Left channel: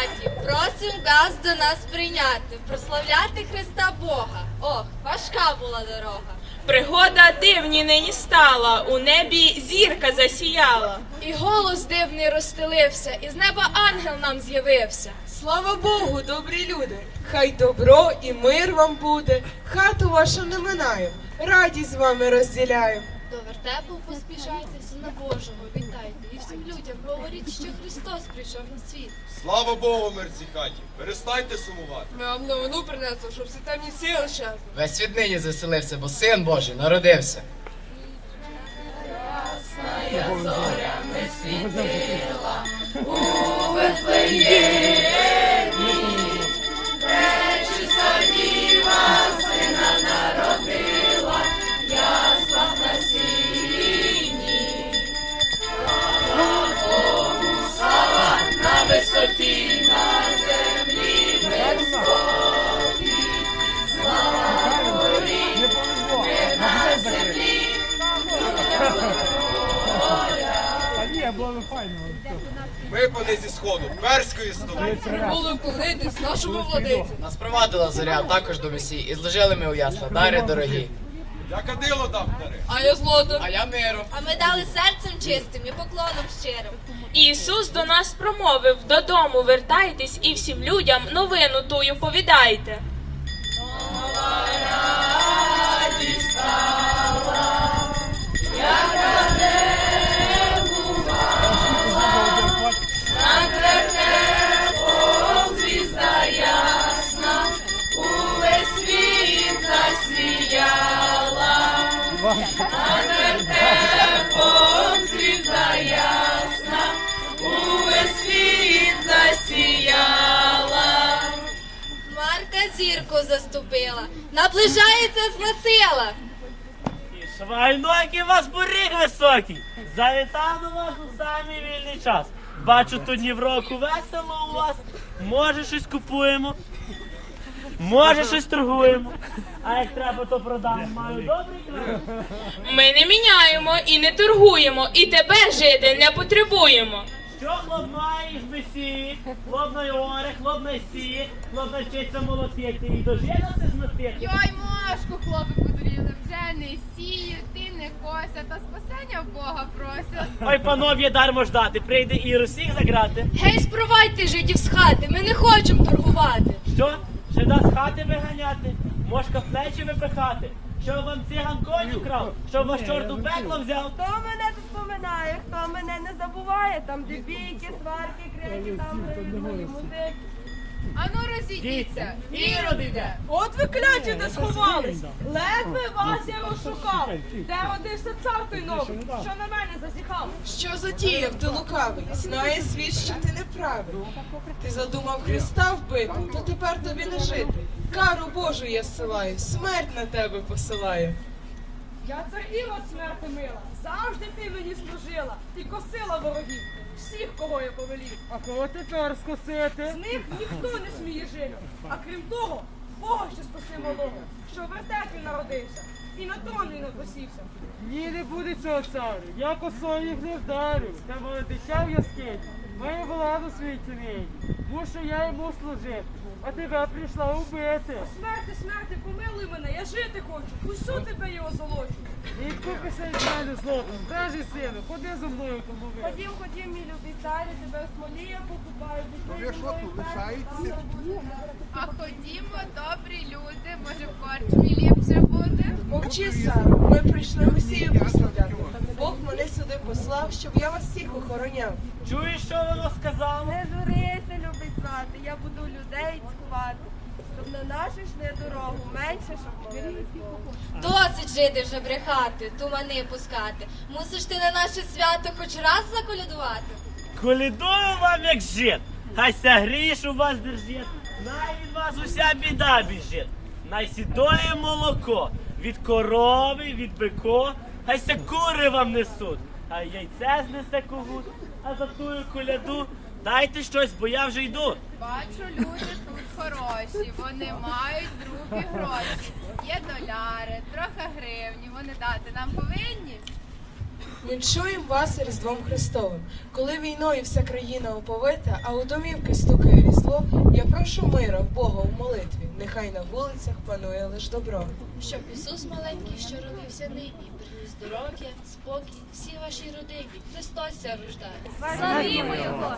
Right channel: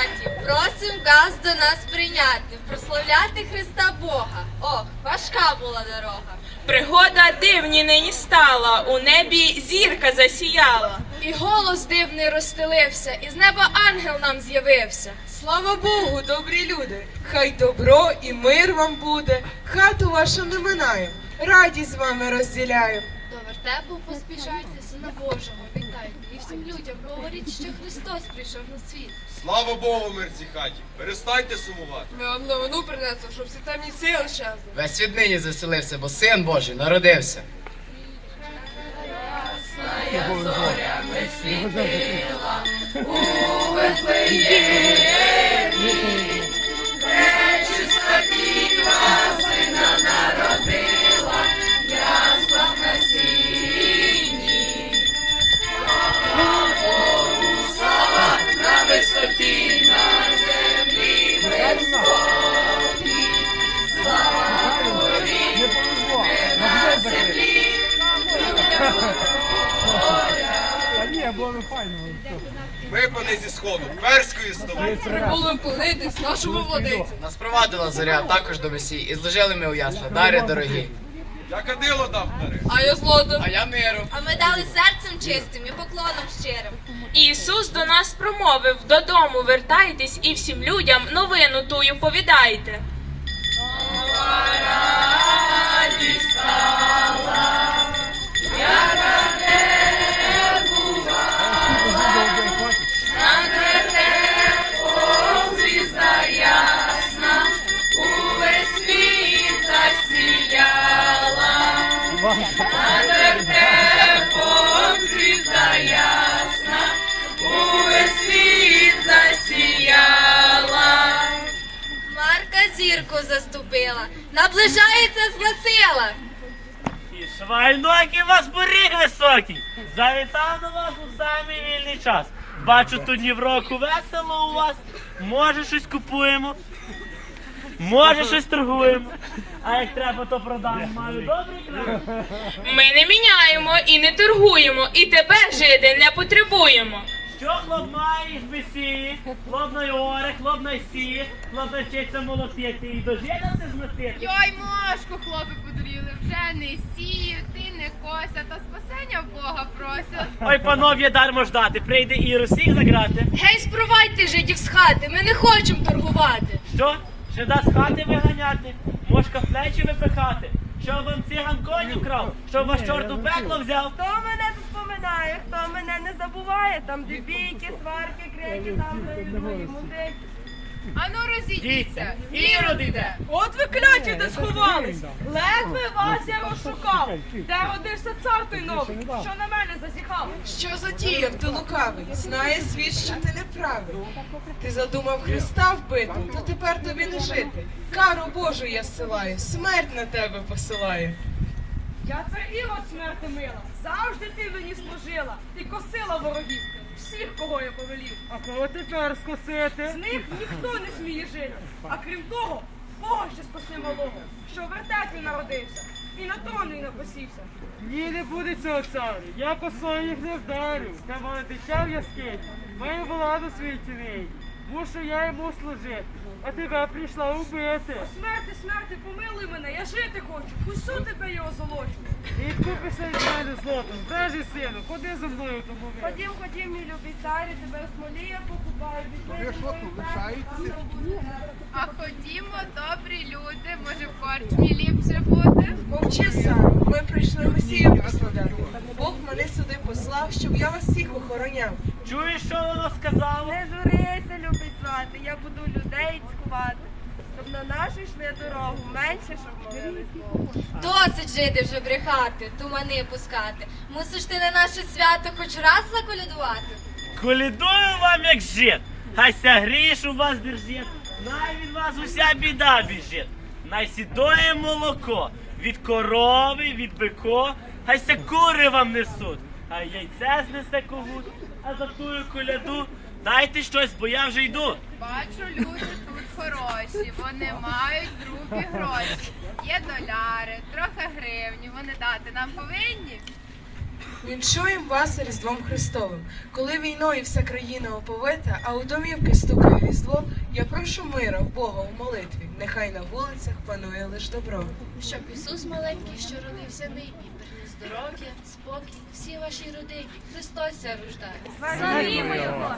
хаті, просим газ до нас прийняти, прославляти Христа Бога. Ох, важка була дорога. Пригода дивні нині стала, у небі зірка засіяла. І голос дивний розстелився, і з неба ангел нам з'явився. Слава Богу, добрі люди! Хай добро і мир вам буде, хату вашу не минаю, радість з вами розділяю. До вертепу поспішайте, сина Божого, вітайте. І всім людям говоріть, що Христос прийшов на світ. Слава Богу, мир цій хаті. Перестаньте сумувати. Ми вам новину принесли, щоб всі темні сили щезли. Весь світ нині заселився, бо син Божий народився. Ми пани зі сходу, перської столиці. Прибули вклонитись нашому владиці. Нас провадила зоря також до месії, і зложили ми у ясла дари дорогі. Я кадило дав дари. А я злото. А я миру. А ми дали серцем чистим і поклоном щирим. Ісус до нас промовив: додому вертайтесь і всім людям новину тую повідайте. Марка зірку заступила, наближається зносила. Швайнокі вас поріг високий. Завітав до вас у самий вільний час. Бачу, тут днів року весело у вас. Може, щось купуємо. Може, щось торгуємо. А як треба, то продамо. Маю добрий край. Ми не міняємо і не торгуємо, і тебе жити не потребуємо. Що хлоп має їх бесіє, хлоп на оре, хлоп на сіє, хлоп навчиться молотити і дожинати зносити. Йой, мошку, хлопи подуріли, вже не сіють, ти не кося, та спасення в Бога просять. Ой, панов'є дармо ждати, прийде і усіх заграти. Гей, спровадьте жидів з хати, ми не хочемо торгувати. Що? Ще дасть хати виганяти, мошка плечі випихати. Що вам циган коню крав? Що вас чорт у пекло взяв? Хто мене тут поминає, хто мене не забуває, там де бійки, сварки, крики, там де відгої музики. Ану розійдіться, ірод іде. От ви кляті, де сховались. Ледве вас я розшукав. Де родився цар той новий, що на мене засіхав. Що затіяв ти лукавий? Знає світ, що ти не правий. Ти задумав Христа вбити, то тепер тобі не жити. Кару Божу я зсилаю, смерть на тебе посилаю. Я цар Ірод смерти мила, завжди ти мені служила, ти косила ворогів, всіх, кого я повелів. А кого тепер скосити? З них ніхто не сміє жити. А крім того, Бога ще спаси малого, що в вертепі народився і на троні не посівся. Ні, не буде цього царю. Я косою їх не вдарю. Та мене тече в яскині. Маю владу світі нині. Мушу я йому служити. А тебе прийшла убити. Смерти, смерти, помилуй мене, я жити хочу, усю тебе я озолочу. Відкупися від мене злотом, бражий сину, ходи зі мною тому ви. Ходім, ходім, мій любий царю, тебе в смолі я покупаю, пішли зі мною там не буде. А ходімо, добрі люди, може в корчмі ліпше буде? Мовчи сам, ми прийшли Месію прославляти. Бог мене сюди послав, щоб я вас всіх охороняв. Чуєш, що вона сказала? Не журися, любий свати, я буду людей цькувати, щоб на нашу йшли дорогу, менше, щоб молились Богу. Досить жити вже брехати, тумани пускати. Мусиш ти на наше свято хоч раз заколядувати. Колідую вам як жит, хай ся гріш у вас держить, най від вас уся біда біжить. Най сідоє молоко від корови, від бико, хай ся кури вам несуть, а яйце знесе когут, а за тую коляду дайте щось, бо я вже йду. Бачу, люди тут хороші, вони мають другі гроші. Є доляри, трохи гривні, вони дати нам повинні. Віншуємо вас Різдвом Христовим. Коли війною вся країна оповита, а у домівки стукає різдво, я прошу мира в Бога у молитві. Нехай на вулицях панує лиш добро. Щоб Ісус маленький, що родився нині, приніс здоров'я, спокій всій вашій родині. Христос рождає. Славімо його!